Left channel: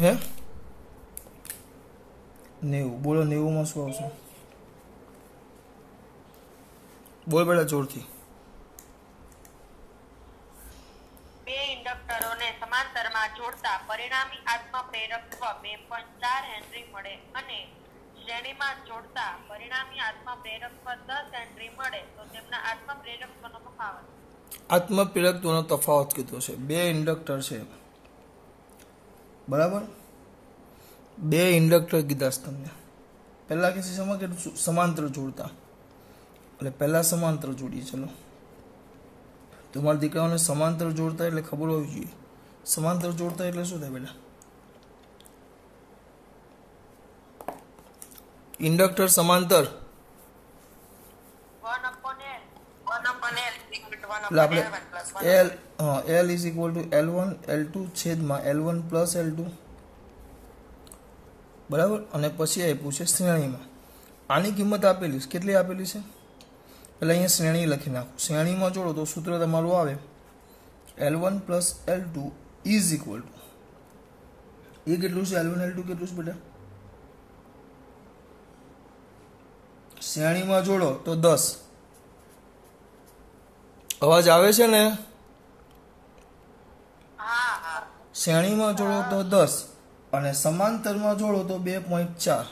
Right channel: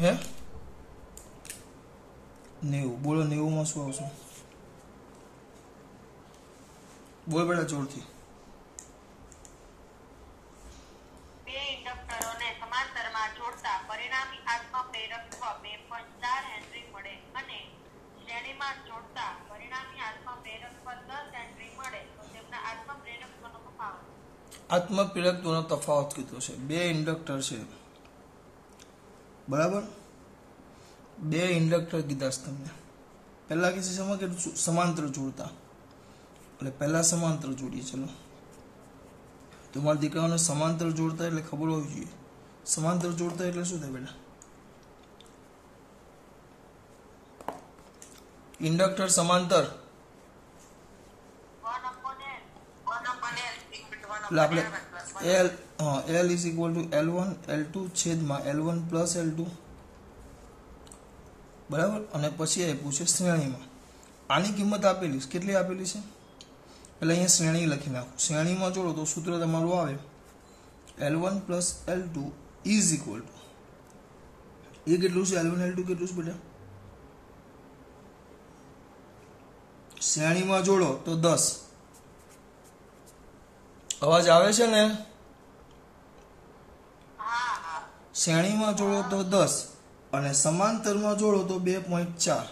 હે 90 બોલો 90 માં શું આવશે? બોલ બેટા જોરથી. બે ઇન્ડક્ટરોને સમાંતરમાં જોડતા પરિણામી આત્મપ્રેરકત્વ 2.4 હેનરી મળે અને શ્રેણીમાં જોડતા પરિણામી આત્મપ્રેરકત્વ 10 હેનરી મળે તો તેમના આત્મપ્રેરકત્વનો તફાવત. આત્મપ્રેરકત્વનો તફાવત કીધો છે. બે ઇન્ડક્ટર છે બરાબર, બે ઇન્ડક્ટર કીધા છે તમને. પહેલા કે સમાંતર જોડતા, એટલે પહેલા સમાંતર જોડીએ. ચલો, તમારા દીકરાઓને સમાંતર જોડતા એટલે ખબર હોવી જોઈએ. સમાંતર જોડતા એટલે શું થાય બેટા? ઇન્ડક્ટર સમાંતર એટલે આપણે L is equal two L1 L2 છેદમાં L1 પ્લસ L2 બરાબર. અને પછી આપ્યું છે શ્રેણીમાં. આની કિંમત આપેલી છે, કેટલી આપેલી છે? એટલે અહીંયા શ્રેણી લખી નાખો. શ્રેણીમાં જોડો તો સૂત્ર તમારું આવે L1 plus L2 is equal to, એ કેટલું છે? L1 L2 કેટલું છે બેટા? શ્રેણીમાં જોડો તો 10. અવાજ આવે છે ને? શ્રેણીમાં જોડો તો 10 અને સમાંતરમાં જોડો તો 2.4.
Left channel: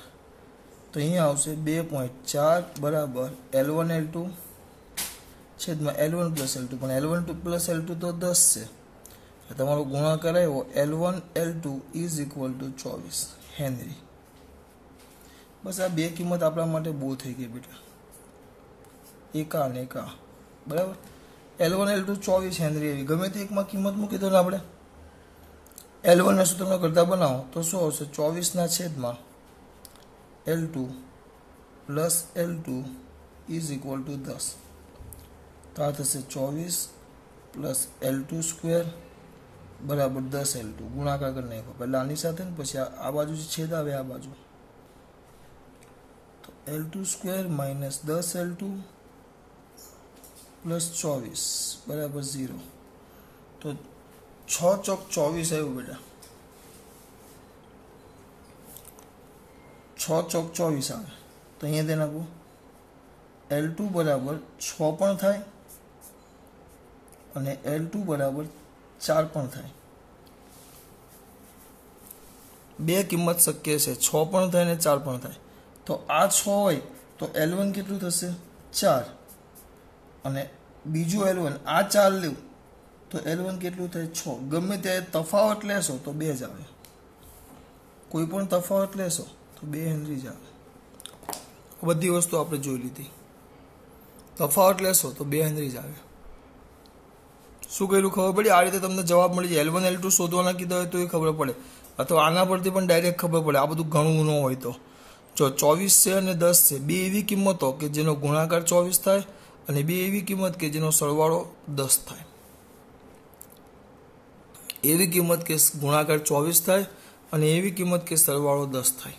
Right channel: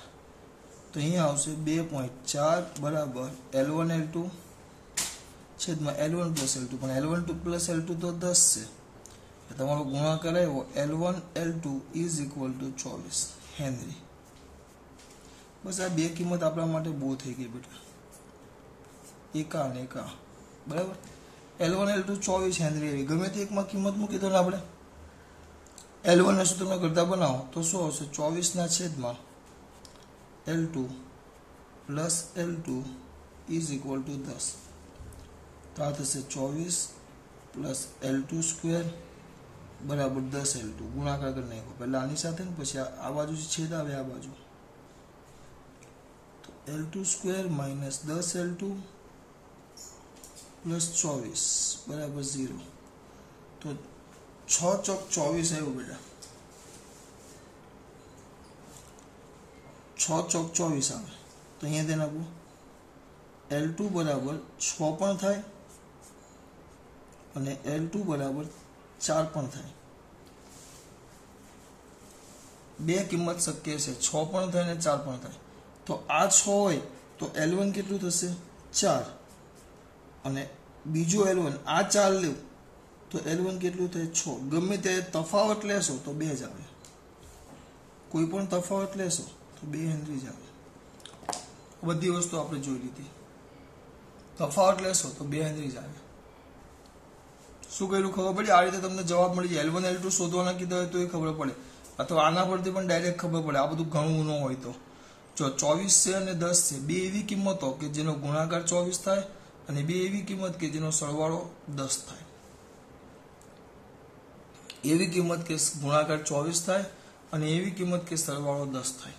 તો અહીંયા આવશે 2.4 બરાબર L1 L2 છેદમાં L1 પ્લસ L2. પણ L1 પ્લસ L2 તો 10 છે. તમારો ગુણાકાર આવ્યો L1 L2 is equal to 24 henry. બસ આ બે કિંમત આપણા માટે બહુ થઈ ગઈ બેટા, એકા અને એકા બરાબર. L1 L2 24 હેનરી એવી ગમે તે એકમાં કિંમત મૂકી દો ને આપણે L1 ના સૂત્રમાં કરતા બનાવો તો શું આવશે? 24 ના છેદમાં L2 plus L2 is equal two 10. તો આ થશે 24 પ્લસ L2 સ્ક્વેર બરાબર 10 L2. ગુણાકાર કરી નાખો પહેલા આની સાથે ને પછી આ બાજુ છેદ આવે આ બાજુ. તો L2 square minus 10 L2 plus 24 બરાબર 0. તો 6 ચોક 24 આવ્યું બેટા. 6 ચોક 24 આવે. તો અહીંયા તેને આપું L2 બરાબર 6 પણ થાય અને L2 બરાબર 4 પણ થાય. બે કિંમત શક્ય છે, 6 પણ થાય ને 4 પણ થાય. તો આ 6 હોય તો L1 કેટલું થશે? 4. અને બીજું L1 આ 4 લેવું તો L1 કેટલું થાય? 6. ગમે ત્યારે તફાવત લેશો તો 2 જ આવે. કોઈ પણ તફાવત લેશો તો 2 હેનરી જ આવે. બધી વસ્તુ આપણે જોઈ લીધી. તફાવત લેશો તો 2 હેનરી જ આવે. શું કર્યું ખબર પડી? આ રીતે તમને જવાબ મળી જાય. L1 L2 શોધવાના કીધા હોય તો એ ખબર પડે, અથવા આના પરથી પણ ડાયરેક્ટ ખબર પડે. આ બધું ઘણું ન હોય તો જો 24 છે અને 10 છે, બે એવી કિંમતો કે જેનો ગુણાકાર 24 થાય અને બે એવી કિંમત કે જેનો સરવાળો 10 થાય. એવી કિંમત કે ગુણાકાર 24 થાય અને એવી કિંમત કે સરવાળો 10 થાય.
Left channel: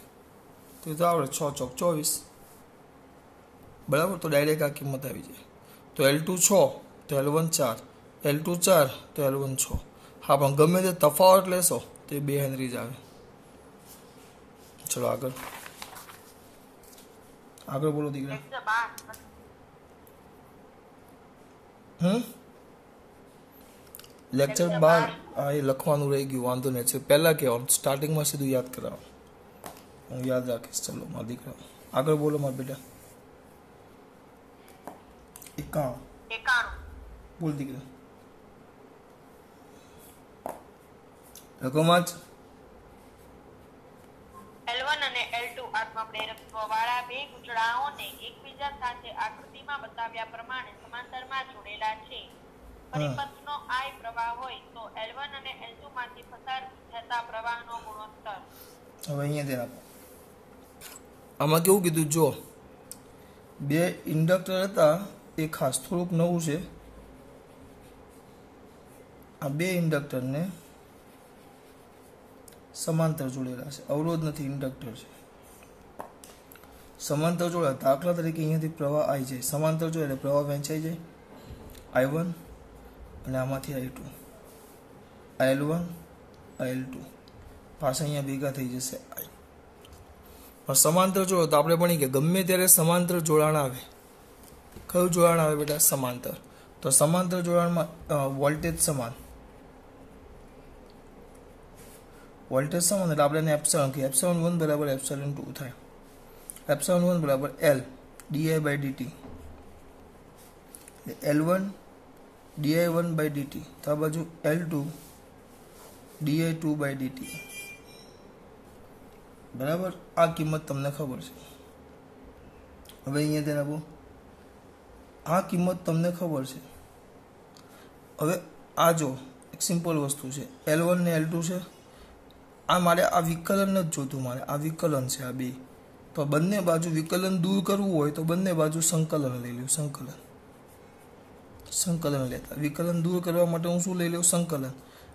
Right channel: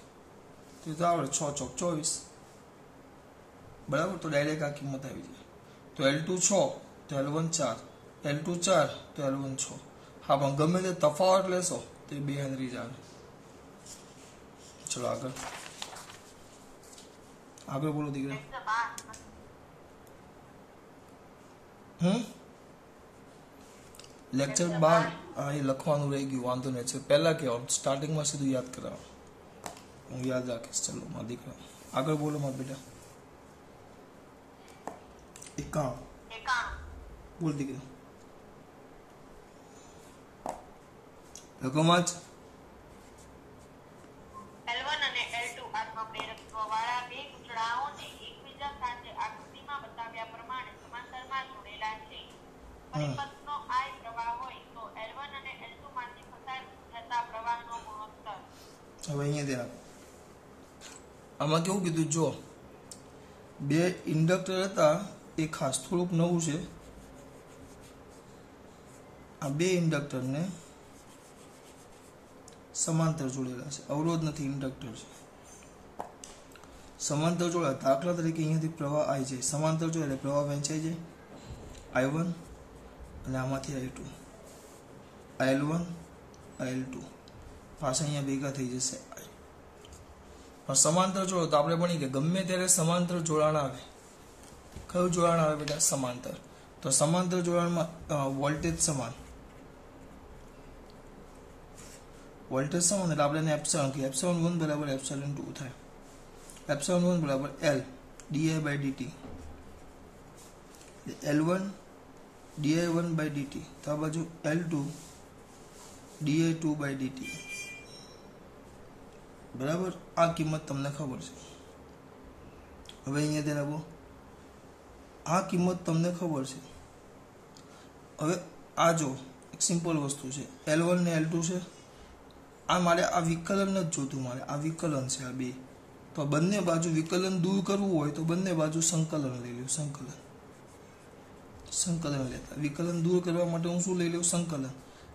તો એ તો આવડે 6 ચોક 24 બરાબર. તો ડાયરેક્ટ આ કિંમત આવી જાય. તો L2 6 તો L1 4, L2 4 તો L1 6. હા, પણ ગમે તે તફાવત લેશો તો એ 2 હેનરી જ આવે. ચલો આગળ બોલો દીકરા. લેક્ચર 12 એ લખવાનું રહી ગયું, વાંધો નહીં. છે પહેલા કહેવાનું, સ્ટાર્ટિંગમાં સીધું યાદ કરાવો. હું યાદ રાખીશ. ચલો મારા દીકરા આગળ બોલો મારા બેટા. 91 બોલ દીકરા. લખોમાં જ L1 અને L2 આત્મપ્રેરકત્વ વાળા બે ગુંચળાઓને એકબીજા સાથે આકૃતિમાં બતાવ્યા પ્રમાણે સમાંતરમાં જોડેલા છે. પરિપથનો I પ્રવાહ હોય તો L1 અને L2 માંથી પસાર થતા પ્રવાહનો ગુણોત્તર. હવે અહીંયા ધ્યાન આપો. આમાં કેવું કીધું? જો બે ઇન્ડક્ટર હતા, એ ખાસ થોડુંક નવું છે. આ બે ઇન્ડક્ટરને સમાંતર જોડેલા છે, અવરોધ નથી, ઇન્ડક્ટર છે. સમાંતર જોડ્યા, દાખલા તરીકે અહીંયાથી પ્રવાહ I જાય, સમાંતર જોડે એટલે પ્રવાહ વહેંચાઈ જાય I1 અને આમાંથી I2, L1 L2. પાછા અહીંયા ભેગા થઈ જશે I. પણ સમાંતર જોડો તો આપણે ભણી કે ગમે ત્યારે સમાંતર જોડાણ આવે, કયું જોડાણ આવે બેટા? સમાંતર. તો સમાંતર જોડાણમાં વોલ્ટેજ સમાન, વોલ્ટેજ સમાન એટલે આપણે એને એપ્સિલોન કહીએ. એપ્સિલોન 1 બરાબર એપ્સિલોન 2 થાય. એપ્સિલોન 1 બરાબર L di/dt, L1 di1/dt, તો આ બાજુ L2 di2/dt. બરાબર, આ કિંમત તમને ખબર છે. હવે અહીંયા ધ્યાન આપો, આ કિંમત તમને ખબર છે. હવે આ જો એક સિમ્પલ વસ્તુ છે, L1 ને L2 છે. આ મારે આ વિકલન જ જોતું, મારે આ વિકલન છે આ બે. તો બંને બાજુ વિકલન દૂર કરવું હોય તો બંને બાજુ સંકલન લઈ લઉં. સંકલન લેતા વિકલન દૂર કરવા માટે હું શું લઈ લઉં? સંકલન.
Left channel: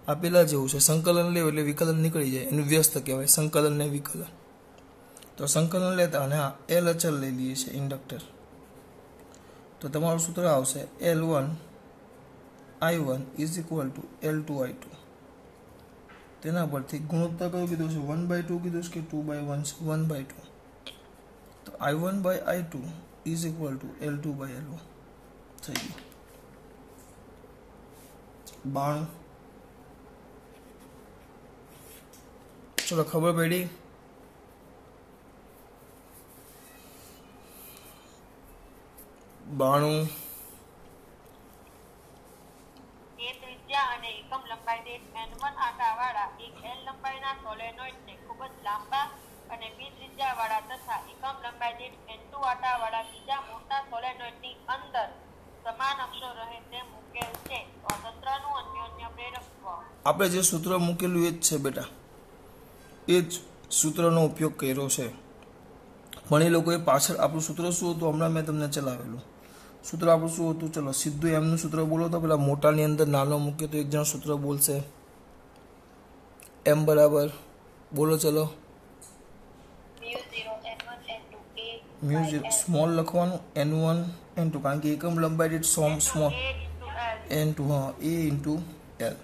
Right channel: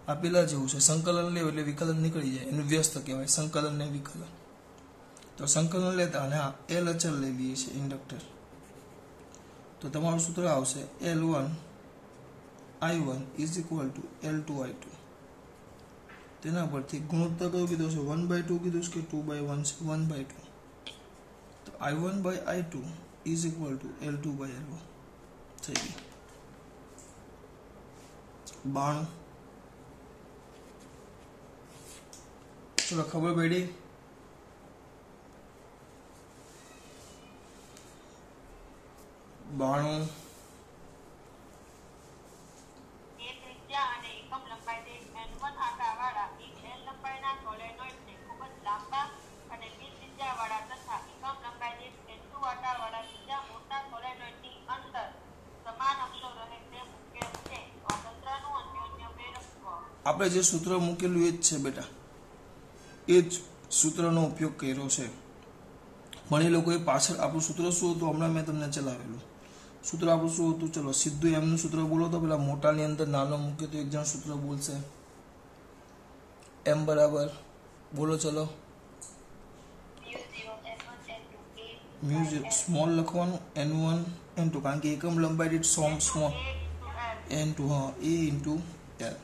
આ પેલા જેવું છે, સંકલન લેવું એટલે વિકલન નીકળી જાય, એનું વ્યસ્ત કહેવાય સંકલન ને વિકલન. તો સંકલન લેતા અને હા L અચળ લઈ લઈએ છીએ ઇન્ડક્ટર. તો તમારું સૂત્ર આવશે L1 I1 = L2 I2. તેના પરથી ગુણોત્તર કયું કીધું છે? 1/2 કીધું છે કે 2/1? 1/2. તો I1/I2 = L2/L1 થઈ ગયું. 92. ચલો ખબર પડી? બાણું. ત્રિજ્યા અને એકમ લંબાઈ દીઠ N1 આકારવાળા એક L લંબાઈના સોલેનોઇડને ખૂબ જ લાંબા અને B ત્રિજ્યાવાળા તથા એકમ લંબાઈ દીઠ N2 આકારવાળા બીજા મોટા સોલેનોઇડની અંદર સમાન અક્ષો રહે તેમ મૂકેલ છે. તો આ તંત્રનું અન્યોન્ય પ્રેરકત્વ. આપણે જે સૂત્ર મૂકેલું એ જ છે બેટા, એ જ સૂત્રનો ઉપયોગ કર્યો છે. પણ એ લોકોએ પાછળ આપણું સૂત્ર શું હતું હમણાં મેં તમને ચલાવેલું. સૂત્ર આપણું શું હતું? ચલો સીધું એમનું સૂત્ર બોલો તો પેલા મોટાની અંદર નાનો મૂકીએ તો એક જણ સૂત્ર બોલશે. M બરાબર બોલો ચલો. મ્યુ સ્મોલ લખવાનું, N1 N2, કારણ કે એકમ લંબાઈ દીઠ સ્મોલ N2, હા A × L.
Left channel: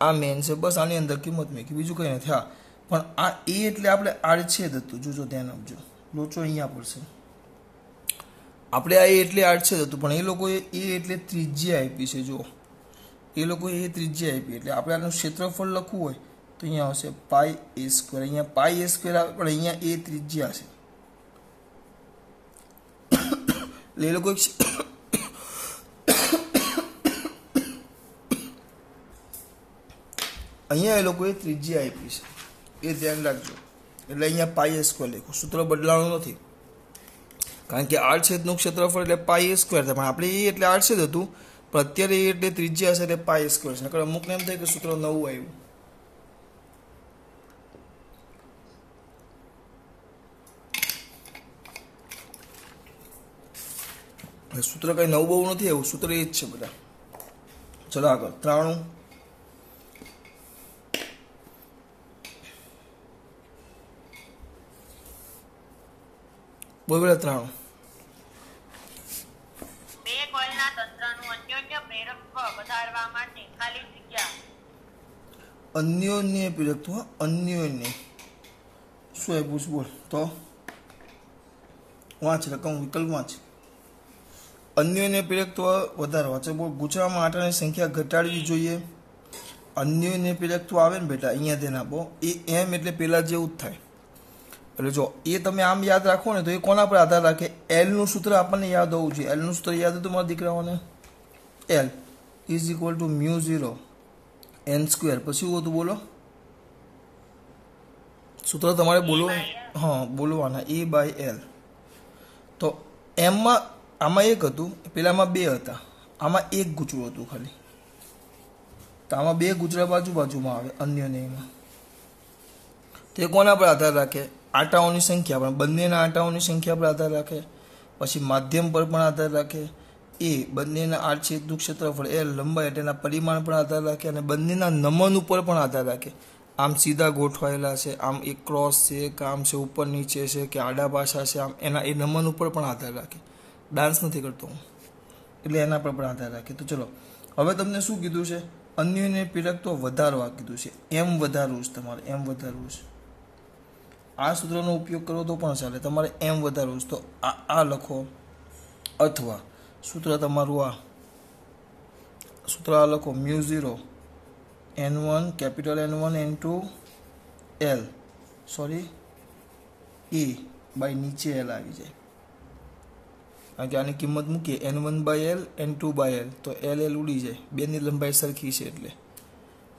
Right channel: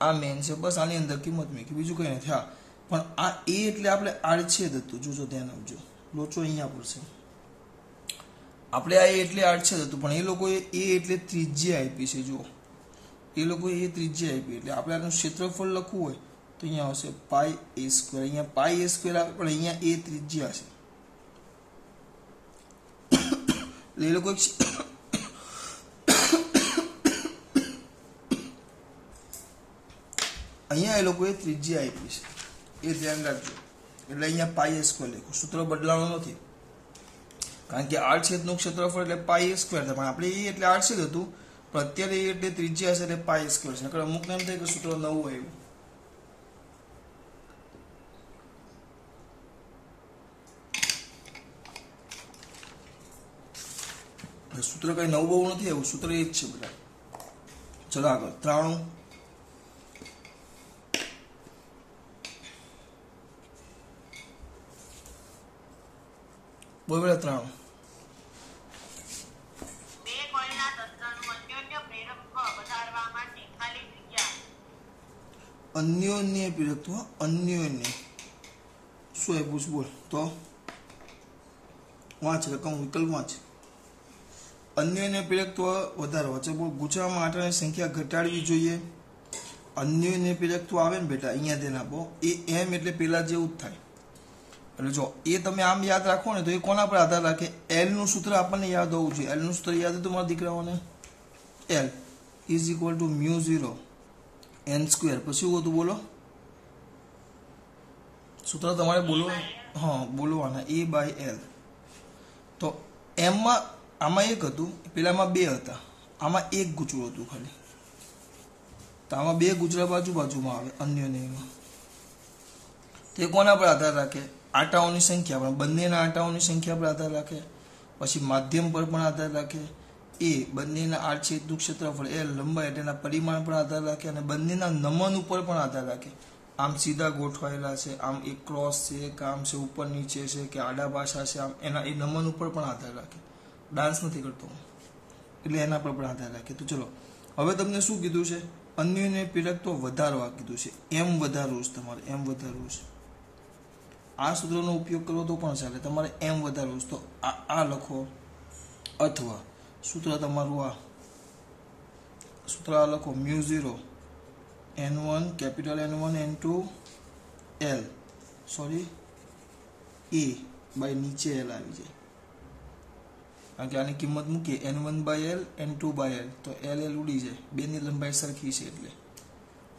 આ મેન છે, બસ આની અંદર કિંમત મૂકી, બીજું કંઈ નથી. હા પણ આ A એટલે આપણે આડછેદ હતું. જોજો ધ્યાન આપજો, લોચો અહીંયા પડશે. આપણે આ એટલે આડછેદ હતું, પણ એ લોકોએ A એટલે ત્રિજ્યા આપી છે. જો એ લોકોએ એ ત્રિજ્યા આપી એટલે આપણે આનું ક્ષેત્રફળ લખવું હોય તો અહીંયા આવશે πa². અહીંયા πa² આવે, પણ અહીંયા A ત્રિજ્યા છે. એટલે એ લોકો અહીંયા એ લોકોએ ત્રિજ્યા આપી છે, એ ધ્યાન રાખજો. એટલે અહીંયા πa² લખ્યું, સૂત્ર બદલાવાનું નથી, કારણ કે આડછેદનું ક્ષેત્રફળ એટલે πa² થાય. પણ આપણે એ એટલે આડછેદ હતું, પણ અત્યારે એ એટલે ત્રિજ્યા છે એટલે πa² છે. નકર અમુકને એમ થાય કે સૂત્ર નવું આવ્યું. સૂત્ર કઈ નવું બહુ નથી આવ્યું, સૂત્ર એ જ છે બધા. ચલો આગળ 93. બોલ બેટા 93. બે કોઇલના તંત્રનું અન્યોન્ય પ્રેરકત્વ વધારવા માટે ખાલી જગ્યા. અન્યોન્ય પ્રેરકત્વ, અન્યોન્ય શું આપ્યું છે બોલ તો? વાંચ રકમ વિકલ્પ વાંચ. અન્યોન્ય પ્રેરકત્વ વધારવા છે બોલ. ગુચરામાં આંટાની સંખ્યા ઘટાડવી જોઈએ. અન્યોન્ય પ્રેરકત્વ આવે ને બેટા, અહીંયા ધ્યાન આપો, એ એમ એટલે પેલા જેવું જ થાય. એટલે જો એ તમે આમ યાદ રાખો ને તો એ કોના પર આધાર રાખે? L નું સૂત્ર આપણને યાદ હોવું જોઈએ. L નું સૂત્ર યાદ હતું મારા દીકરાઓને? L = μ0 n². પછી શું હતું બોલો? સૂત્ર તમારે બોલવું, હા બોલવાના, A/L. તો એમમાં આમાં એક હતું, પેલામાં બે હતા, આમાં એક ગુચરું હતું ખાલી. તો આમાં બે ગુચરા બાજુમાં આવે અન્યોન્યમાં. તે કોના પર આધાર રાખે? આંટાઓની સંખ્યા, પણ બંનેના આંટાઓની સંખ્યા પર આધાર રાખે. પછી માધ્યમ પર પણ આધાર રાખે. એ બંનેના આડછેદનું ક્ષેત્રફળ L લંબાઈ તેના પરિમાણ પર આધાર રાખે. અને બંનેના નમન ઉપર પણ આધાર રાખે. આમ સીધા ગોઠવાયેલા છે, આમ એક ક્રોસ છે, કે આમ છે ઉપર નીચે છે, કે આડા પાછા છે, આમ એના એ નમન ઉપર પણ આધાર રાખે. ડાન્સ નથી કરતો હું, એટલે એના પર પણ આધાર રાખે. તો ચલો હવે તમને શું કીધું છે? અન્યને પ્રેરકત્વ વધારવા કીધું છે, એમ વધારવું છે તમારે, એમ વધારવું છે. આ સૂત્રનો ઉપયોગ કરો તો પણ ચાલે, તમારે એમ વધારવું છે તો આ લખો, અથવા સૂત્ર તમારું આ સૂત્ર આ લખો μ0 n1 capital N1 N2 L sorry E by નીચે L આવી જાય, કારણ કે આની કિંમત મૂકીએ N1/L N2/L તો L ઉડી જાય, બેની લંબાઈ સરખી છે એટલે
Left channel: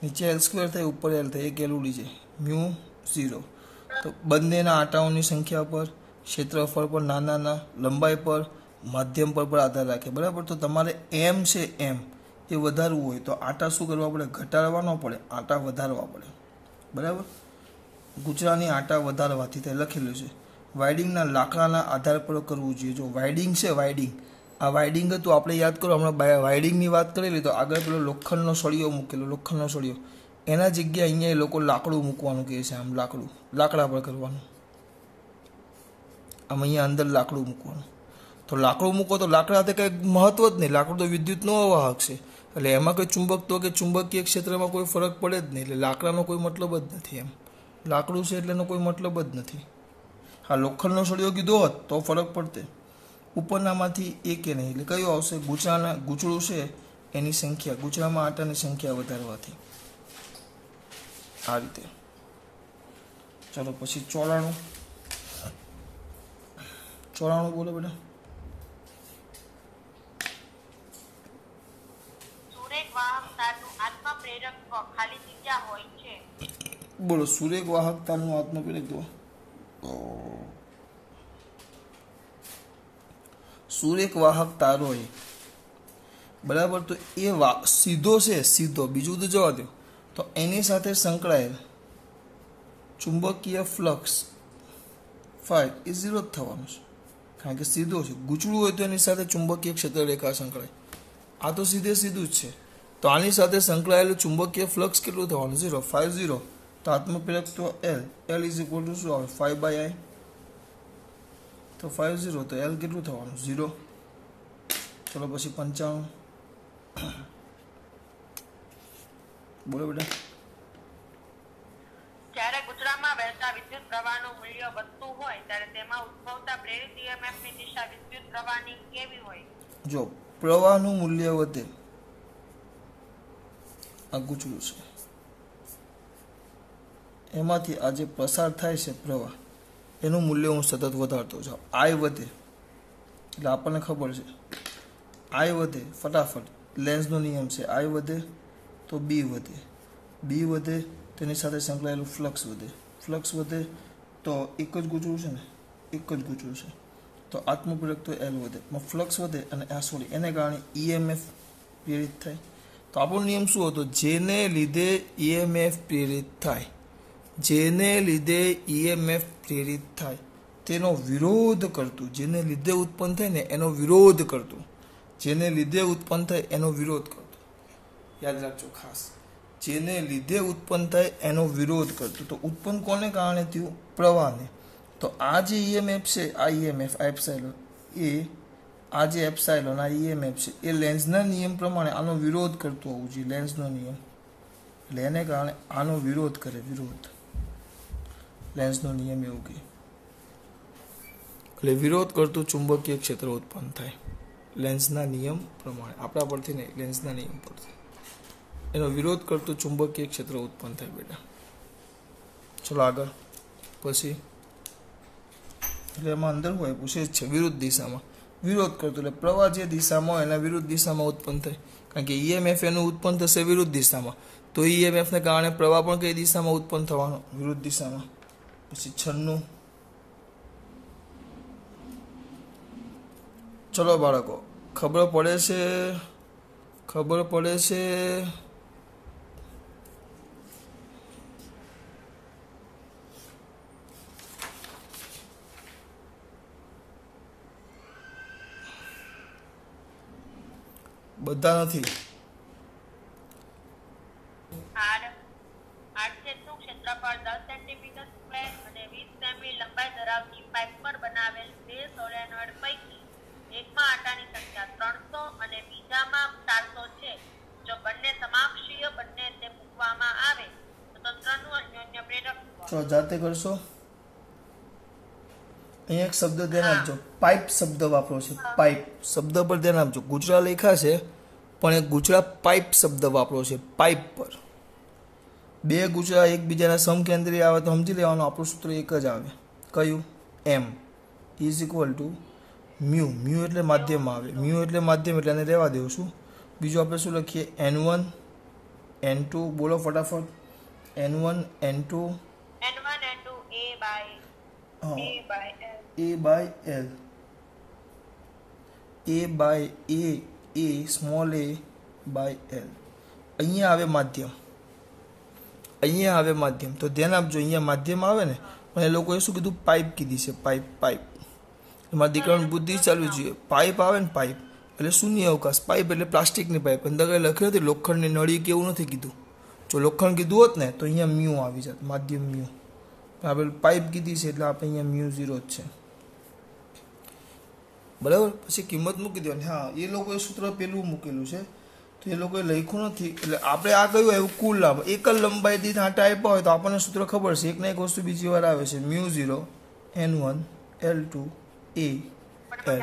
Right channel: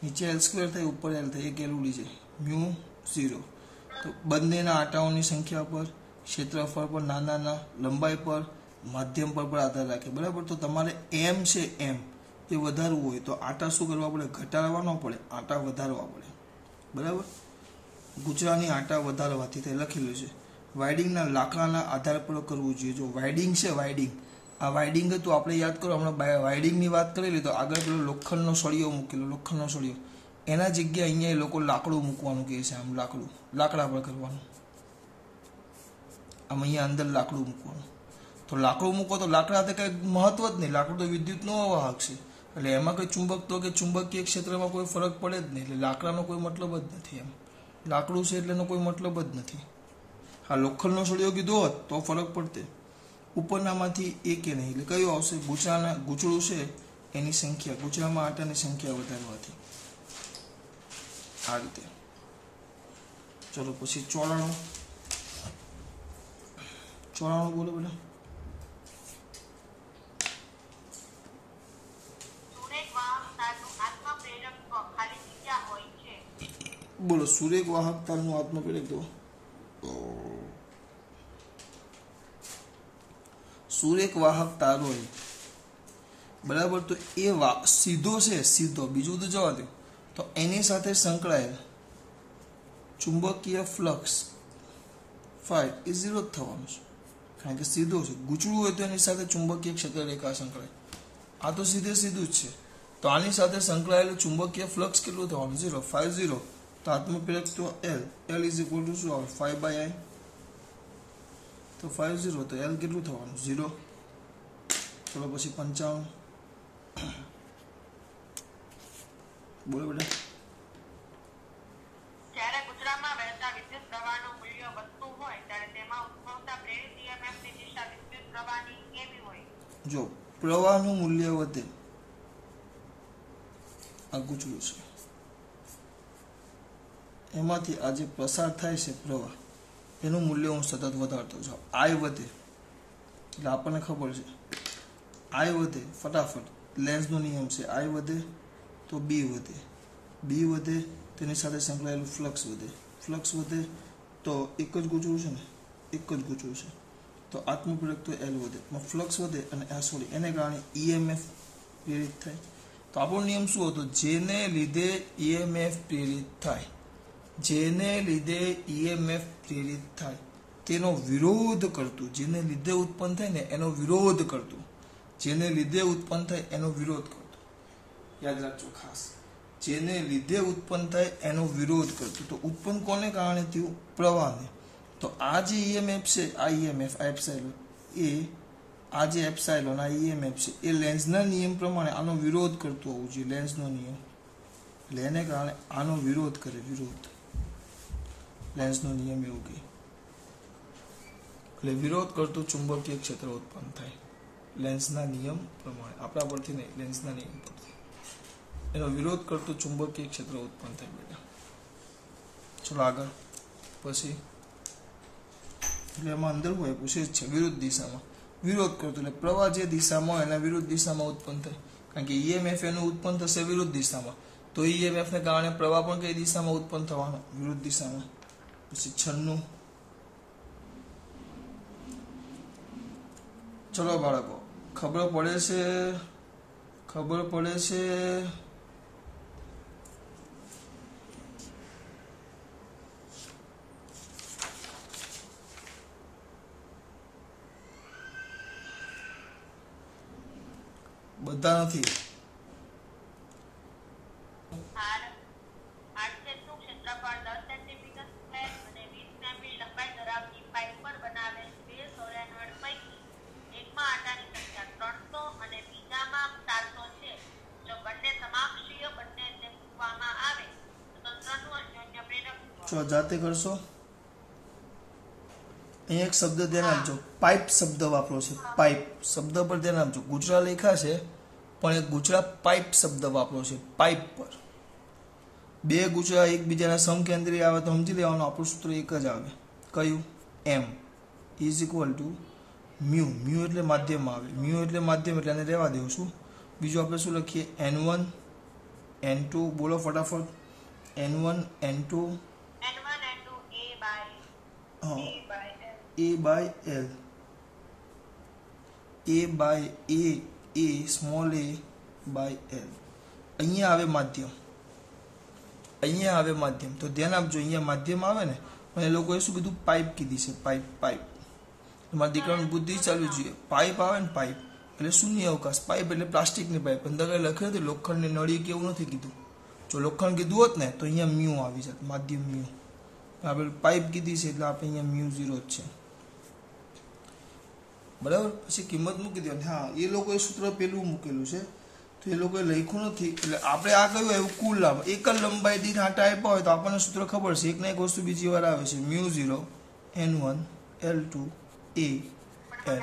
નીચે L² થાય, ઉપર L થાય, એક L ઉડી જાય, μ0. તો બંનેના આટાઓની સંખ્યા પર, ક્ષેત્રફળ પર, નાના લંબાઈ પર, માધ્યમ પર આધાર રાખે, બરાબર. તો તમારે એમ છે એમ તે વધારવું હોય તો આટા શું કરવા પડે, ઘટાડવા ન પડે, આટા વધારવા પડે, બરાબર. ગુજરાની આટા વધારવાથી તે લખેલું છે. વાઇડિંગના લાકડાના આધાર પર કરવું જોઈએ. જો વાઇડિંગ છે, વાઇડિંગ આ વાઇડિંગ હતું, આપણે યાદ કરો હમણાં વાઇડિંગની વાત કરેલી, તો આગળ પેલો લોખંડનો સળિયો મૂકેલો, લોખંડનો સળિયો, એના જગ્યાએ અહીંયા એ લોકો લાકડું મૂકવાનું કહે છે, આમ લાકડા પર કરવાનું, આમ અહીંયા અંદર લાકડું મૂકવાનું. તો લાકડું મૂકો તો લાકડા કંઈ મહત્વ જ નહીં, લાકડું તો વિદ્યુતનો વાહક છે, એટલે એમાં કોઈ ચુંબકત્વ કે ચુંબકીય ક્ષેત્રમાં કોઈ ફરક પડે જ નહીં, એટલે લાકડાનો કોઈ મતલબ જ નથી, એમ લાકડું છે એટલે એનો કોઈ મતલબ જ નથી. હા, લોખંડનો સળિયો કીધો હોત તો ફરક પડતે. ઉપરનામાંથી એક એ નહીં, એટલે કયું આવશે, ગૂંચળું છે એની સંખ્યા, ગૂંચળામાં આટાની સંખ્યા વધારવાથી, આ રીતે. ચલો પછી 94 બોલો બેટા. બોલો, સુરેખ વાહકતાનું આત્મપ્રેરકત્વ. સુરેખ વાહક તારો હોય, બરાબર. તો એ સીધો છે, સીધો, બીજું તો જવા દો. તો એની સાથે સંકળાયેલ ચુંબકીય ફ્લક્સ ફાઈ એ 0 જ થવાનું છે, કારણ કે સીધો છે. ગૂંચળું હોય તો એની સાથે ચુંબકીય ક્ષેત્ર રેખા સંકળાય, આ તો સીધું જ છે. તો આની સાથે સંકળાયેલું ચુંબકીય ફ્લક્સ કેટલું થવાનું, 0, ફાઈ 0. તો આત્મપ્રેરકત્વ L ઇઝ ઇક્વલ ટુ શું આવે, 5/I. તો 5 0, તો L કેટલું થવાનું, 0. ચલો પછી 95 બોલો બેટા. જ્યારે ગુજરાતમાં વહેતા વિદ્યુત પ્રવાહનું મૂલ્ય વધતું હોય ત્યારે તેમાં ઉદ્ભવતા પ્રેરિત EMF ની દિશા વિદ્યુત પ્રવાહની કેવી હોય? જો પ્રવાહનું મૂલ્ય વધે, આ ગૂંચળું છે, એમાંથી આ જે પસાર થાય છે પ્રવાહ, એનું મૂલ્ય હું સતત વધારતો જાઉં. I વધે એટલે આપણને ખબર છે, I વધે ફટાફટ, લેન્ઝનો નિયમ છે, I વધે તો B વધે, B વધે તો એની સાથે સંકળાયેલું ફ્લક્સ વધે તો એક જ ગૂંચળું છે ને, એક જ ગૂંચળું છે, તો આત્મપ્રેરકત્વ L વધે, ફ્લક્સ વધે અને એને કારણે EMF પ્રેરિત થાય. તો આપણો નિયમ શું હતો, જેને લીધે EMF પ્રેરિત થાય, જેને લીધે EMF પ્રેરિત થાય તેનો વિરોધ કરતું, જેને લીધે ઉત્પન્ન થાય ને એનો વિરોધ કરતું, જેને લીધે ઉત્પન્ન થાય એનો વિરોધ કરતું, યાદ રાખજો ખાસ, જેને લીધે ઉત્પન્ન થાય એનો વિરોધ કરતું. તો ઉત્પન્ન કોને કારણે થયું, પ્રવાહને. તો આ જે EMF છે, આ EMF આ એપ્સાઇલોન, આ જે એપ્સાઇલોન આ EMF છે, એ લેન્ઝના નિયમ પ્રમાણે આનો વિરોધ કરતો હોવું જોઈએ, લેન્ઝનો નિયમ, એટલે એને કારણે આનો વિરોધ કરે, લેન્ઝનો નિયમ એવું કહે, એટલે વિરોધ કરતું ચુંબકીય ક્ષેત્ર ઉત્પન્ન થાય લેન્ઝના નિયમ પ્રમાણે, આપણા પરથી નહીં, લેન્ઝના નિયમ પરથી એનો વિરોધ કરતું ચુંબકીય ક્ષેત્ર ઉત્પન્ન થાય બેટા. ચલો આગળ પછી, એટલે એમાં અંદર હોય પૂછે જ છે, વિરુદ્ધ દિશામાં વિરોધ કરતો, એટલે પ્રવાહ જે દિશામાં હોય એના વિરુદ્ધ દિશામાં ઉત્પન્ન થાય, કારણ કે EMF એનું ઉત્પન્ન થશે વિરુદ્ધ દિશામાં, તો EMF ને કારણે પ્રવાહ પણ કઈ દિશામાં ઉત્પન્ન થવાનો, વિરુદ્ધ દિશામાં. પછી 96. ચલો બાળકો, ખબર પડે છે બધા નથી. ક્ષેત્રફળ 10 સેન્ટીમીટર સ્ક્વેર અને 20 સેમી લંબાઈ ધરાવતી પાઇપ પર બનાવેલ 2 સોલેનોઇડ પૈકી એકમાં આટાની સંખ્યા 300 અને બીજામાં 400 છે. જો બંને સમાક્ષીય चलो जाते करशो। અહીંયા એક શબ્દ ધ્યાન આપજો, પાઇપ શબ્દ વાપરો છે, પાઇપ શબ્દ પર ધ્યાન આપજો। ગુજરા લખ્યા છે પણ એક ગુજરા પાઇપ શબ્દ વાપરો છે, પાઇપ પર। બે ગુજરા એકબીજાના સમકેન્દ્રી આવે તો સમજી લેવાનું આપણું સૂત્ર એક જ આવે, કયું? M is equal to mu, mu એટલે માધ્યમ આવે, મ્યુ એટલે માધ્યમ એટલે એને રહેવા દેવું છું। બીજું આપણે શું લખીએ? N1 N2, બોલો ફટાફટ। N1 N2 A by L, A by A small a by L। અહીંયા આવે માધ્યમ, અહીંયા આવે માધ્યમ, તો ધ્યાન આપજો અહીંયા માધ્યમ આવે ને, પણ એ લોકોએ શું કીધું? પાઇપ કીધી છે, પાઇપ, પાઇપ। એમાં દીકરાની બુદ્ધિ ચાલુ જોઈએ, પાઇપ આવે ને પાઇપ એટલે શૂન્ય અવકાશ, પાઇપ એટલે પ્લાસ્ટિકની પાઇપ, અંદર કઈ લખ્યું નથી લોખંડની નળી કે એવું નથી કીધું। જો લોખંડ કીધું હોત ને તો અહીંયા મ્યુ આવી જાત, માધ્યમ મ્યુ। આપણે પાઇપ કીધી છે એટલે આપણે અહીંયા મ્યુ 0 જ છે, બરાબર। પછી કિંમત મૂકી દેવાની। હા, એ લોકોએ સૂત્ર પેલું મૂકેલું છે તો એ લોકોએ લખ્યું નથી, એટલે આપણે આ કયું એવું કુલ લાભ એક જ લંબાઈ દીઠ આટા આપ્યા હોય તો આપણને સૂત્ર ખબર છે, એક ને એક વસ્તુ બીજી વાર આવે છે, μ0 N1 L2 A L,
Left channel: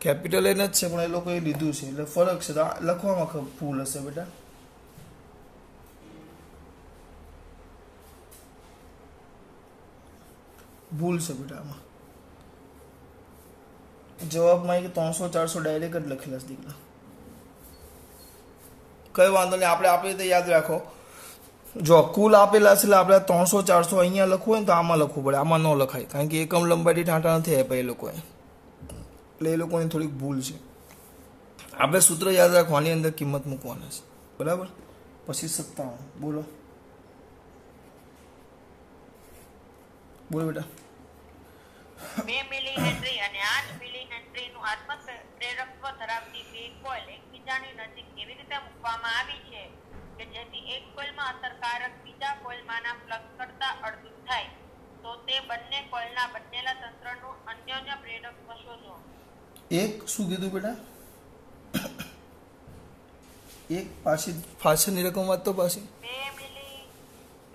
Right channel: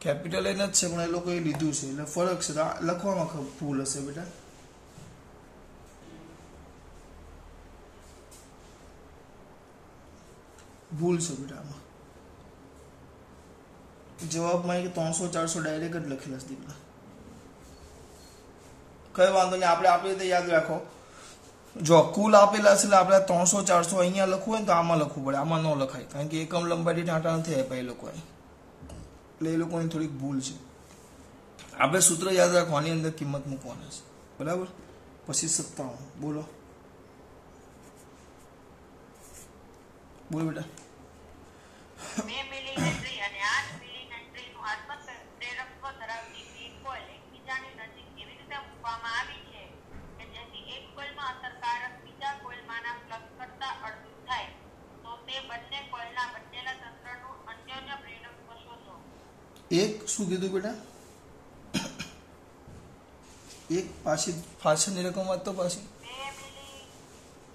capital N જ છે પણ એ લોકોએ લીધું છે એટલે ફરક છે, લખવામાં ભૂલ હશે બેટા। ભૂલ છે બેટા આમાં, જવાબમાં 300 400 ડાયરેક્ટ જ લખેલા છે દીકરા, કઈ વાંધો નહીં। આપણે રીતે યાદ રાખો, જો કુલ આપેલા છે એટલે આપણે 300 400 અહીંયા લખવું હોય ને તો આમાં લખવું પડે, આમાં ન લખાય કારણ કે એકમ લંબાઈ દીઠ આંટા નથી આપ્યા એ લોકોએ, એટલે એ લોકોની થોડીક ભૂલ છે। આપણે સૂત્ર યાદ રાખવાની અંદર કિંમત મૂકવાની છે, બરાબર। પછી 57 બોલો, બોલો બેટા। 2 મિલી હેનરી અને 8 મિલી હેનરીનું આત્મપ્રેરકત્વ ધરાવતી બે કોઇલ એકબીજાની નજીક એવી રીતે મૂકવામાં આવી છે કે જેથી એક કોઇલમાં અસરકારક બીજા કોઇલમાંના ફ્લક્સ કરતા અડધું થાય, તો તે બંને કોઇલના બનેલા તંત્રનું અન્યોન્ય પ્રેરકત્વ શોધો। એક શું કીધું બેટા? એક પાછળની રકમ વાત તો પાછી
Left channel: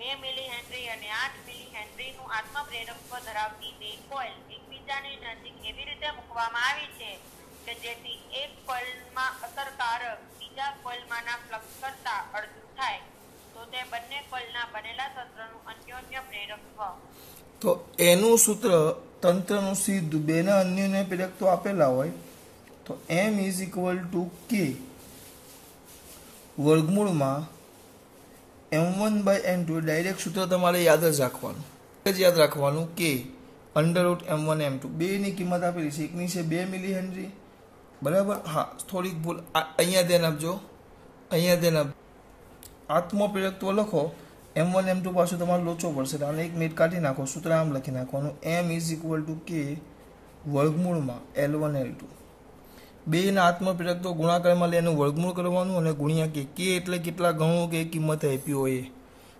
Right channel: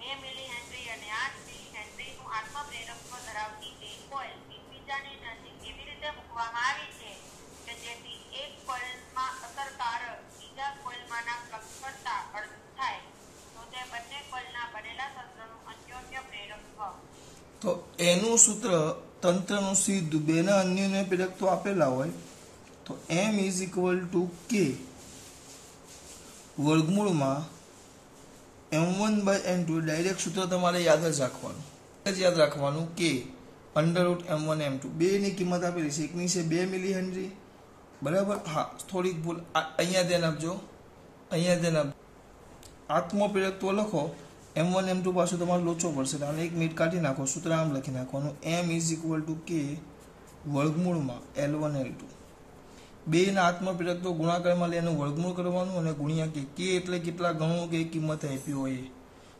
2 મિલી હેનરી અને 8 મિલી હેનરીનું આત્મપ્રેરકત્વ ધરાવતી બે કોઇલ એકબીજાની નજીક એવી રીતે મૂકવામાં આવી છે કે જેથી એક કોઇલમાં અસરકારક બીજા કોઇલમાંના ફ્લક્સ કરતા અડધું થાય, તો તે બંને કોઇલના બનેલા તંત્રનું અન્યોન્ય પ્રેરકત્વ। તો એનું સૂત્ર તંત્રનું સીધું બેના અન્યોન્ય પ્રેરકત્વ આપેલા હોય તો M is equal two K વર્ગમૂળમાં M1 by N2, ડાયરેક્ટ સૂત્ર તમારે યાદ જ રાખવાનું, K √M1 M2, બેની કિંમત આપેલી છે, એકની છે 2 મિલી હેનરી, બરાબર। હા, થોડીક ભૂલ અહીંયા ધ્યાન આપજો, આત્મપ્રેરકત્વ લખો M1 M2 પાછું તમારે લોચો પડશે, અને 1 મિનિટ કાઢી નાખો, સૂત્ર આમ લખી નાખવાનું, M is equal two K વર્ગમૂળમાં L1 L2, બેના આત્મપ્રેરકત્વ ગુણાકારમાં લઈને વર્ગમૂળ કરવાનું અને ગુણ્યા K એટલે કેટલા ગણો કે કિંમત આપી હોય,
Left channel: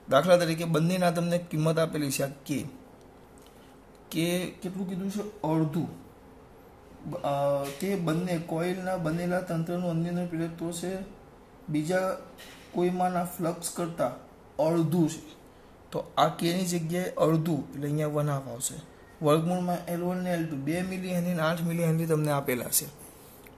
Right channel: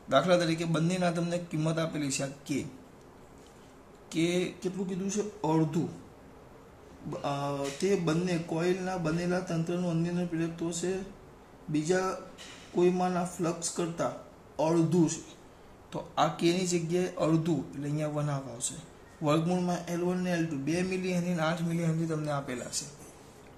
દાખલા તરીકે બંનેના તમને કિંમત આપેલી છે, K કેટલું કીધું છે? અડધું। તે બંને કોઇલના બનેલા તંત્રનું અન્યોન્ય પ્રેરકત્વ છે બીજા કોઈમાંના ફ્લક્સ કરતા અડધું છે, તો આ K ની જગ્યાએ અડધું એટલે અહીંયા 1/2 આવશે, વર્ગમૂળમાં L1 ને L2, 2 milli henry 8 milli henry તમને આપેલા છે,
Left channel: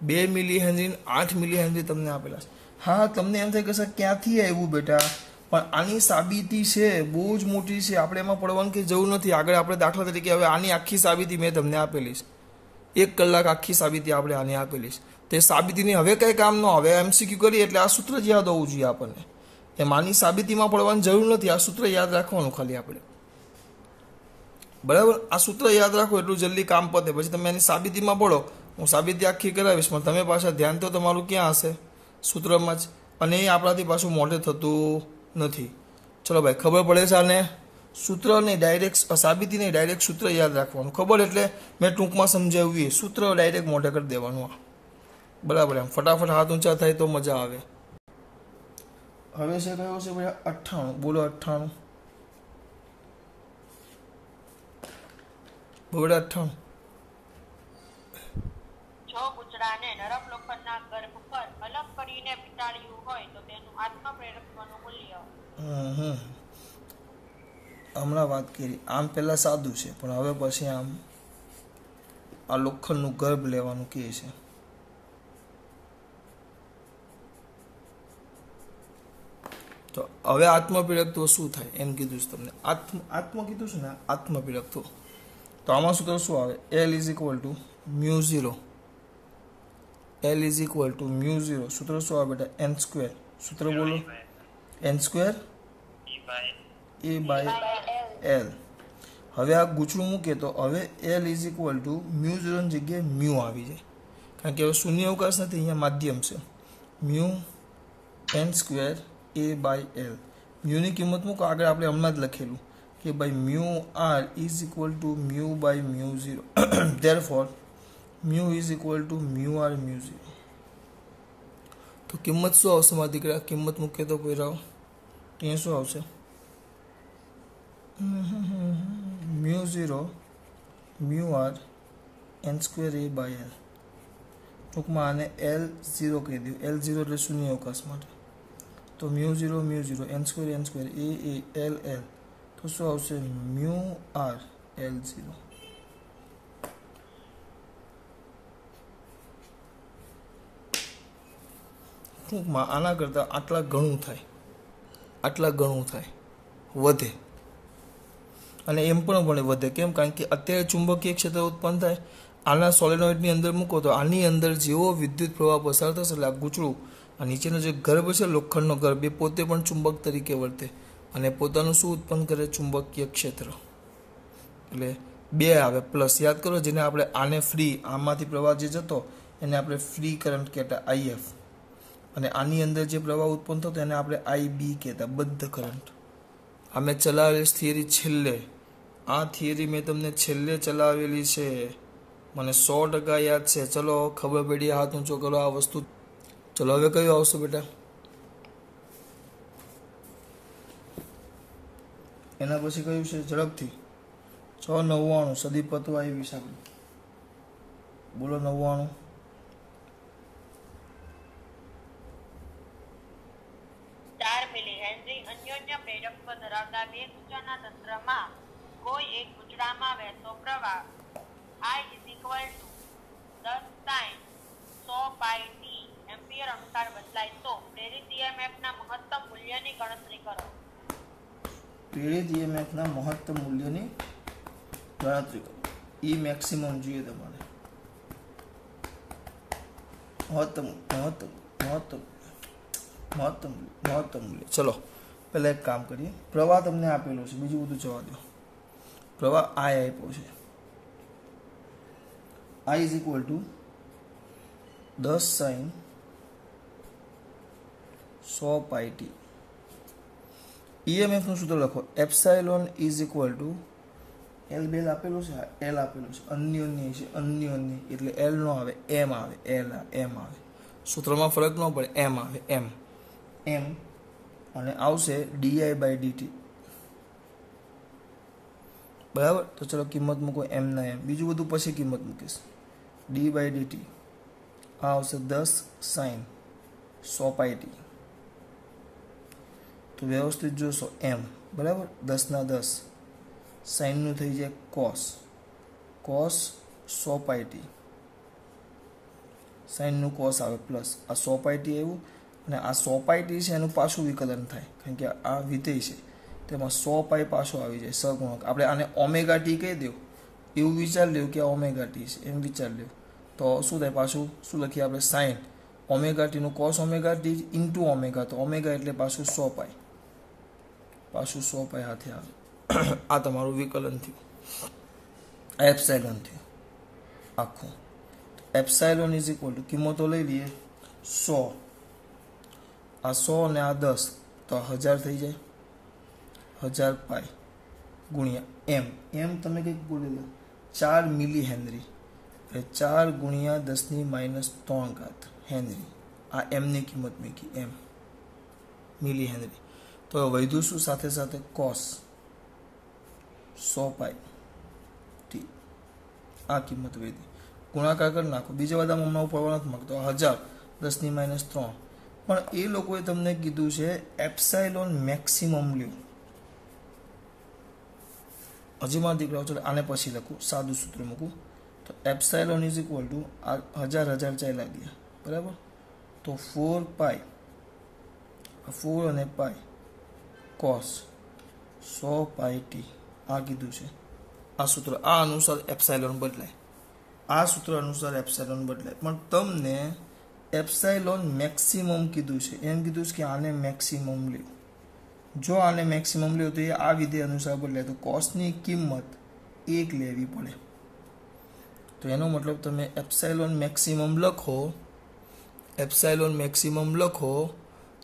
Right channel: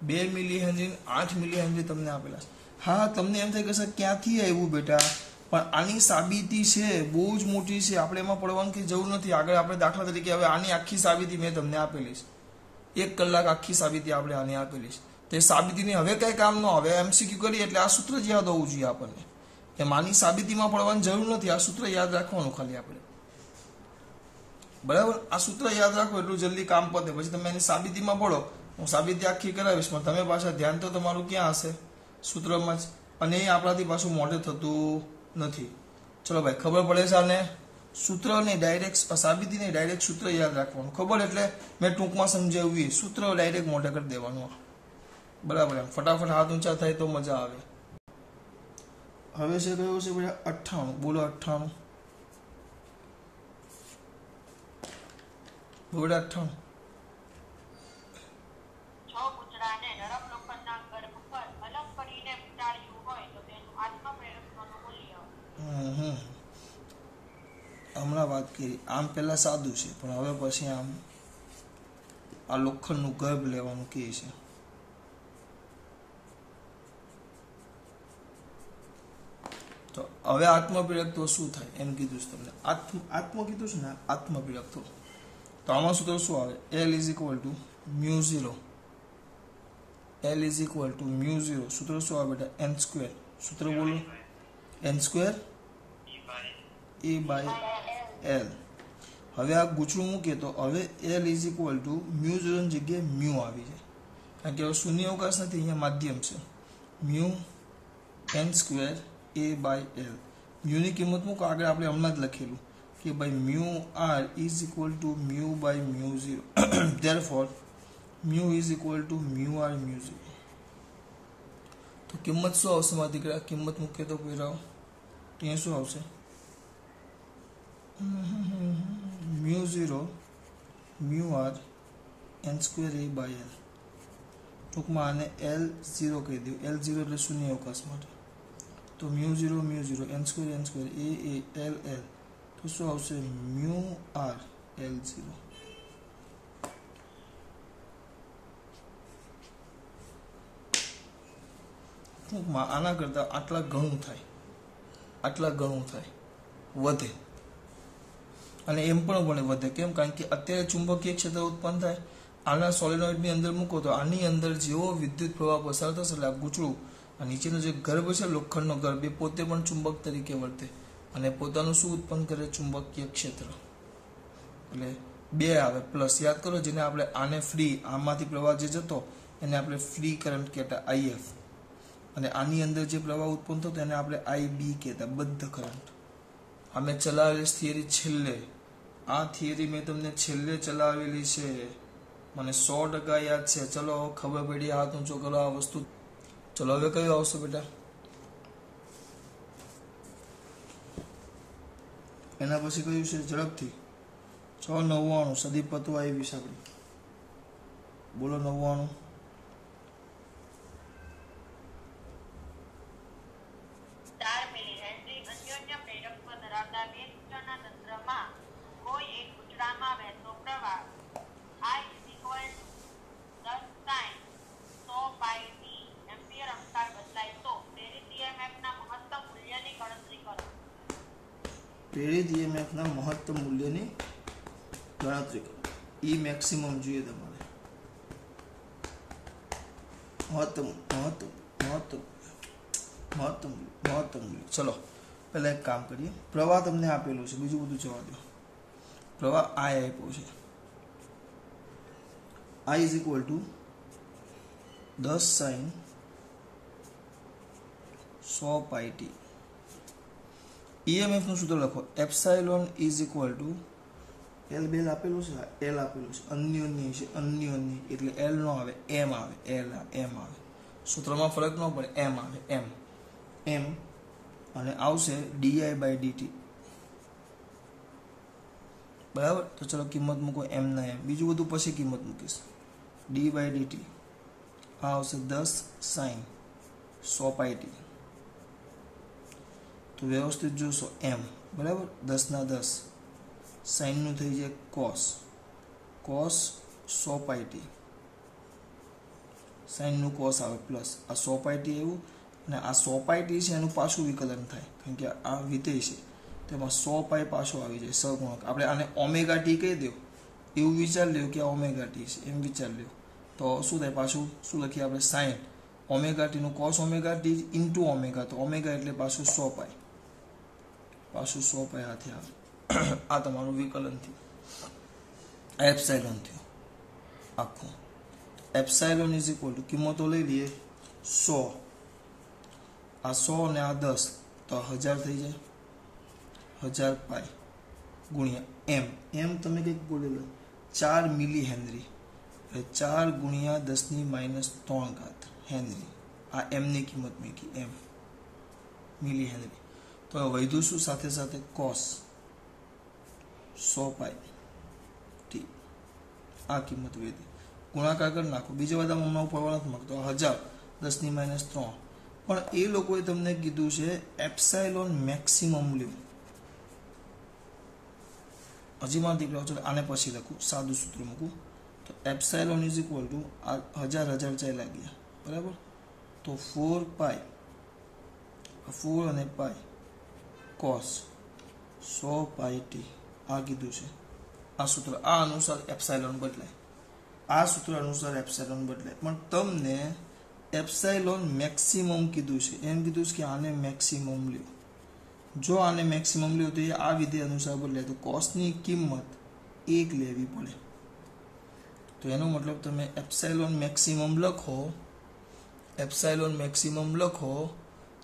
2 મિલી હેનરી 8 મિલી હેનરી તમને આપેલા છે। હા, તમને એમ થાય કે સર ક્યાંથી આવ્યું બેટા, પણ આની સાબિતી છે બહુ જ મોટી છે, આપણે એમાં પડવાની કંઈ જરૂર નથી। આગળ આપણે દાખલા તરીકે હવે આની આખી સાબિતી મેં તમને આપેલી છે, 1 કલાક આખી સાબિતી આપણે આની આપેલી છે, તે સાબિતીની હવે કંઈ કામ ન આવે, MCQ કરીએ એટલે આ સૂત્ર જ યાદ હોવું જોઈએ આપણને, એમાંની સાબિતીમાં પડવાની જરૂર નથી, આ સૂત્ર યાદ રાખવાનું ખાલી આપણે, બરાબર। આ સૂત્ર યાદ રાખો એટલું જલ્દી કામ પતે, પછી તમે એની સાબિતીમાં પડો, હું સાબિતી આખી કરાવીશ પણ તમે પાછા ધ્યાન તો તમારું ક્યાં હશે? સૂત્રમાં જ, અને એ આપણાથી પાછું મોઢે થતું નથી। ચલો ભાઈ, ખબર પડે છે આને? સૂત્ર નહીં ડાયરેક્ટ, સાબિતી નહીં ડાયરેક્ટ સૂત્ર યાદ રાખવાનું, ખબર એટલે મેં ટૂંકમાં સમજાવ્યું, સૂત્ર ડાયરેક્ટ મોઢે કરી દેવાનું, બરાબર। એમ ફટાફટ હાથ ઊંચા થાય તો મજા આવે। હવે છે કયો છે ભાઈ? 98, બોલો 98, બોલો 98। જો ગુજરાને નરમ લોખંડના ગર્ભ પર અલગ કરીને વીંટાળ્યું હોય તો તેનું આત્મપ્રેરકત્વનું મૂલ્ય। હમણાં વાત કરી આમ પહેલાં સાદું છે, પણ હવે પછી આમ આ લોખંડનું ગર્ભ લેવાનું કહે છે. તો હવે આત્મપીડકત્વ શું થાય એમ કીધું છે તમને. આત્મ કીધું છે ને, આત્મપીડકત્વ. તો આમાં સૂત્ર શું આવે? L is equal to mu 0. L is equal to mu 0. સૂત્ર શું આવે બેટા? n square. સૂત્ર બોલો. n square a by L. હવે આ ગૂંચળું મૂકીએ તો હવે L is equal to mu 0 ની જગ્યાએ મ્યુ આવી જાય, કારણ કે હવે શૂન્ય અવકાશ નથી, અહીંયા માધ્યમ છે. Mu n square a by L. મ્યુની કિંમત મૂકો, આગળ આપણે હમણાં જ લખેલું કે ભાઈ mu r is equal to mu by mu 0. Therefore mu is equal to mu r mu 0. તો કિંમત શું આવશે મારા દીકરા? કિંમત મૂકીએ તો પહેરાવ ત્યાં શું આવશે? Mu 0 mu r n square a by L. ટૂંકમાં આને L0 કહી દઉં. L0 એટલે શૂન્ય અવકાશ માટે. તો mu 0 n square a L L. તો શું આવશે? Mu r L0. ટૂંકમાં આના કરતાં આટલા ઘણું થાય, વધે. અને એમ પણ વધે. કેમ? કારણ કે અત્યારે ચુંબકીય ક્ષેત્ર ઉત્પન્ન થાય. આના સોલેનોઇડની અંદર મૂકો તો આની અંદર જેવો વિદ્યુત પ્રવાહ પસાર થશે એટલે આ ગૂંચળું, આ નીચેનો જે ગર્ભ છે લોખંડનો ગર્ભ, એ પોતે પણ ચુંબક તરીકે વર્તે અને પોતાનું શું ઉત્પન્ન કરે? ચુંબકીય ક્ષેત્ર. એટલે 2 આવે પ્લસ. યાદ કરો, જેને આપણે આને ફ્રી, આમાંથી પ્રવાહ જે જતો એને આપણે ફ્રી કરંટ કહેતા IF, અને આની અંદર જે પ્રવાહ ઉત્પન્ન થતો એને આપણે IB કહેતા, બદ્ધ કરંટ. આ મેં ચલાવેલી થિયરી છેલ્લે, આ થિયરી મેં તમને છેલ્લે ચલાવેલી છે, મને 100% યાદ છે. ચલો ખબર પડી, હાથ ઊંચો કરો આ વસ્તુ. ચલો હવે કયું આવશે બેટા? એના પછી કયું છે? ઝડપથી 699 સદીપ તત્વ આવી વિશે આપણે બોલો. 99 4 મિલી હેનરી અન્યોન્ય પ્રેરકત્વ ધરાવતા બે સૂચના તંત્રમાં કોઈ એક ગૂંચળામાં વહેતો પ્રવાહ I is equal to 10 sin 100 pi t ampere અનુસાર બદલાય તો પ્રેરિત EMF ના મહત્તમ મૂલ્યની ગણતરી કરો. પ્રેરિત EMF ના મહત્તમ મૂલ્યની ગણતરી કરો. E મેક્સિમમ જોઈએ તમારે. મહત્તમ મૂલ્ય. ચલો પહેલા એક કામ કરીએ. પ્રવાહ તમને આપેલો છે, બીજું બધું જવા દો. પ્રવાહ I આપ્યો છે. I is equal to 10 sin 100 pi t. EMF નું સૂત્ર લખો. Epsilon is equal two L બેલ આપેલું છે, L આપેલું છે, અન્યોન્ય છે, અન્યોન્ય એટલે L નો આવે, M આવે, M આવે. સૂત્રમાં ફરક ન પડે, M આવે, M અને આવશે di/dt. બરાબર. તો ચલો કિંમત મૂકો M ના M. બીજું બધું પછી કિંમત મૂકીશ. d/dt આ આવશે 10 sin 100 pi t. તો વ્યવસ્થિત જોશો M બરાબર. 10 ના 10 sin નું થઈ જાય cos 100 pi t. sin નું cos આવે પ્લસ આ 100 pi t આવ્યું, અને આ 100 pi t છે એનું પાછું વિકલન થાય, કારણ કે આ વિધેય છે તેમાં 100 pi પાછો આવી જાય સહગુણક. આપણે આને ઓમેગા ટી કહી દો એવું વિચાર લ્યો કે આ ઓમેગા ટી છે એમ વિચાર લ્યો, તો શું થાય? પાછું શું લખીએ આપણે? સાઇન ઓમેગા ટી નું cos omega T into omega. તો ઓમેગા એટલે પાછું 100 pi, હાથે આવે. આ તમારું વિકલન થયું, આ એપ્સાઇલોન થયું આખું. એપ્સાઇલોન ઇઝ ઇક્વલ ટુ કિંમતો લઈ લઈએ 100, આ 100 ને આ 10 તો 1000 થઈ જાય. 1000 પાઈ ગુણ્યા M તમે કંઈક બોલેલો 4 મિલી હેનરી, 4 ગુણ્યા 10⁻³ હેનરી. આ M ની કિંમત મૂકી, M મિલી હેનરી. તો વધુ શું? સાથે સાથે કોસ 100 પાઈ ટી. આ કિંમત વધી, ગુણાકાર કરી નાખો. બીજા બધા મમ્મા ઉપર નથી માગતો. 1000 10⁻³ પણ એ લોકોએ તમને કીધું છે એપ્સાઇલોન મેક્સિમમ લ્યો. હજી મારા દીકરાઓ ચલો આને પછી લખું, સાદું સૂત્ર મૂકું તો એપ્સાઇલોન ઇઝ ઇક્વલ ટુ આ 1000 ચાલ્યા ગયા બરાબર, તો 4 પાઈ 4 અને પાઈ કોસ 100 પાઈ ટી આ કીધું છે. આ સૂત્ર આ અનુસાર એપ્સાઇલોન બદલાય, આ સૂત્ર અનુસાર એપ્સાઇલોન બદલાય. પણ તમને એપ્સાઇલોન મેક્સિમમ કીધું છે, એમ કીધું છે કે આને મેક્સિમમ લ્યો. જો આને મેક્સિમમ લ્યો તો એ આ વિધેય અનુસાર બદલાય, તો કોસની કિંમત 1 લેવી પડે. તો એનો મતલબ તમે એપ્સાઇલોન મેક્સિમમ લખો, એપ્સાઇલોન મેક્સિમમ લખો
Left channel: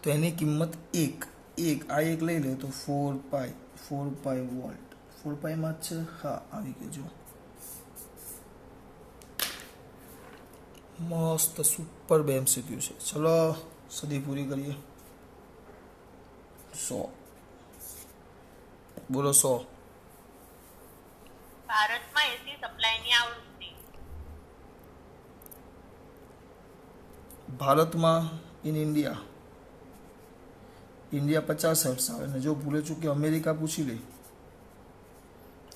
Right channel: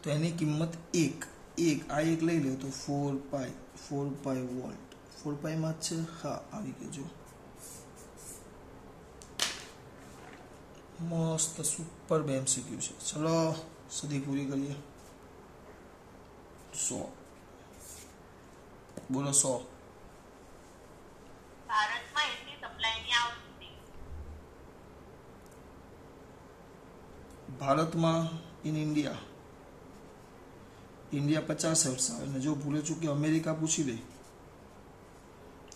તો એની કિંમત 1 આ 1 લઈ લો તો 4 પાઈ વોલ્ટ. 4 પાઈમાં જ છે, હા આવી ગઈ. જો મસ્ત સુપર MCQ છે. ચલો સદી પૂરી કરીએ. 100 બોલો 100. ભારતમાં એસી સપ્લાયની આવૃત્તિ. ભારતમાં ઇન ઇન્ડિયા 50 હર્ટ્ઝ આવે, અને જો ભૂલે ચૂકે અમેરિકા પૂછી લે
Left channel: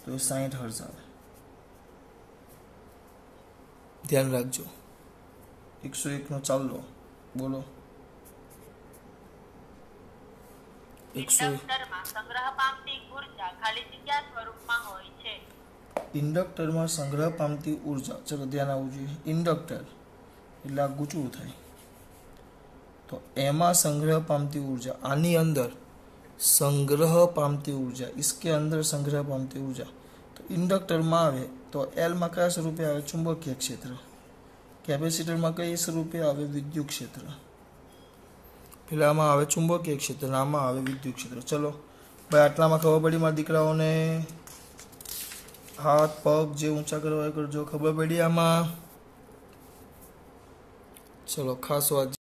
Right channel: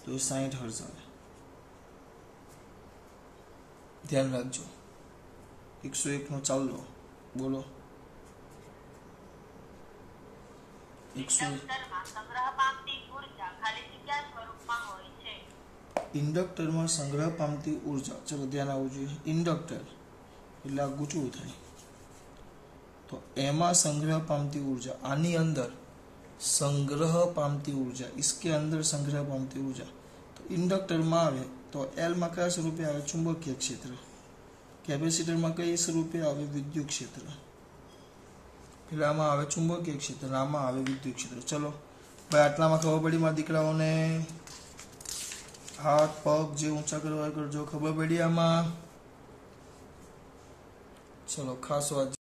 તો એ 60 હર્ટ્ઝ આવે. ધ્યાન રાખજો. 101 નો ચાલો બોલો. 101 ઇન્ડક્ટરમાં સંગ્રહ પામતી ઉર્જા ખાલી જગ્યા સ્વરૂપમાં હોય છે. ઇન્ડક્ટરમાં સંગ્રહ પામતી ઉર્જા, ચલો ધ્યાન આવવું જોઈએ. ઇન્ડક્ટર એટલે આ ગૂંચવું થાય, તો એમાં સંગ્રહ પામતી ઉર્જા, આની અંદર संग्रह पामती ऊर्जा, इसके अंदर संग्रह पामती ऊर्जा. तो इंडक्टर में आवे तो एल में क्या स्वरूपे आवे? चुंबकीय क्षेत्र. कैपेसिटर में कई स्वरूपे आवे? विद्युत क्षेत्र. पेला में आवे चुंबकीय क्षेत्र, आमां आवे विद्युत क्षेत्र. चलो भाई आटला में खबर पड़ी मारा दीकराओने? हाथ पग जे ऊंचा करवा करजो. खबर पड़ी आमां? चलो खास बात.